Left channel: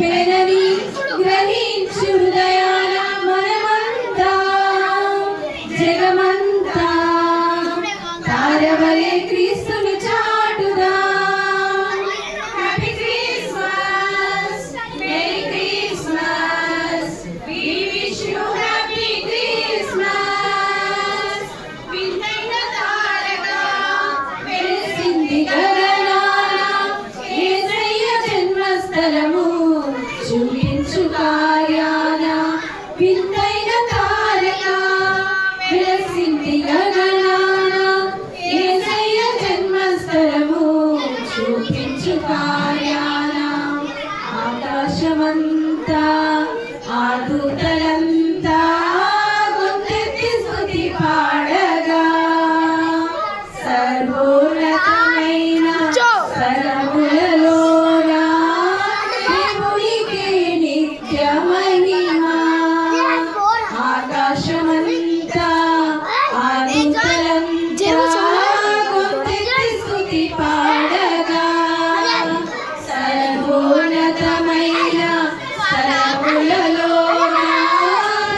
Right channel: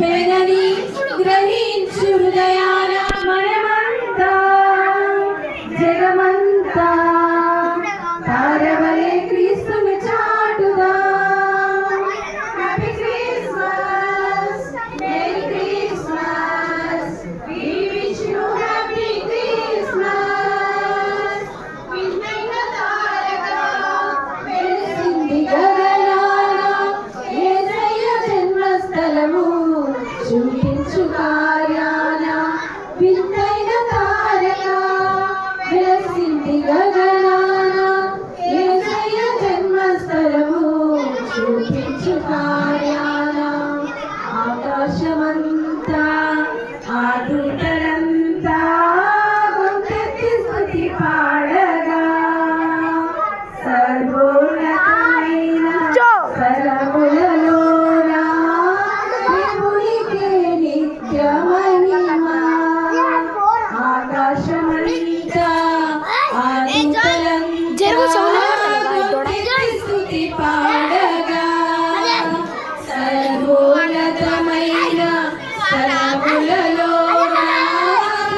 పెనని గ్రహించు హృదయాన మనమంతా జగమంతా తారవలే క్రీస్తును చాటుదా. Happy Christmas, merry Christmas, we wish you happy Christmas. వింతైన తారగా వెలిసింది గగనాన యేసయ్య జన్మస్థలము చూపించు కార్యాన. వింతైన తారగా వెలిసింది గగనాన యేసయ్య జన్మస్థలము చూపించు కార్యాన. ఆకాశమంతా ఆ దూతలంతా గొంతెత్తి స్తుతి పాడగా సర్వోన్నతమైన స్థలములలోన దేవునికే నిత్య మహిమ. ఆకాశమంతా ఆ దూతలంతా గొంతెత్తి స్తుతి పాడగా సర్వోన్నతమైన స్థలములలోన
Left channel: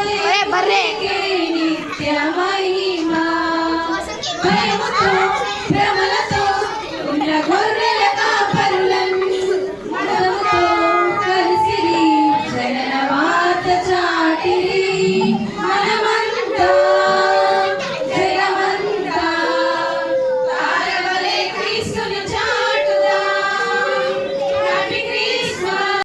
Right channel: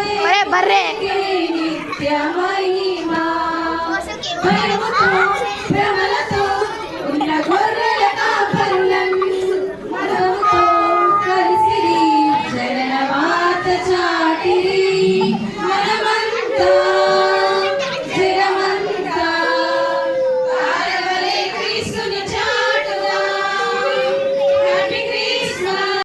దేవునికే నిత్య మహిమ. భయముతో భ్రమలతో ఉన్న గొర్రెల కాపరులన్నీ మనముతో కలిసిరి జనన వార్త చాటిరి. మనమంతా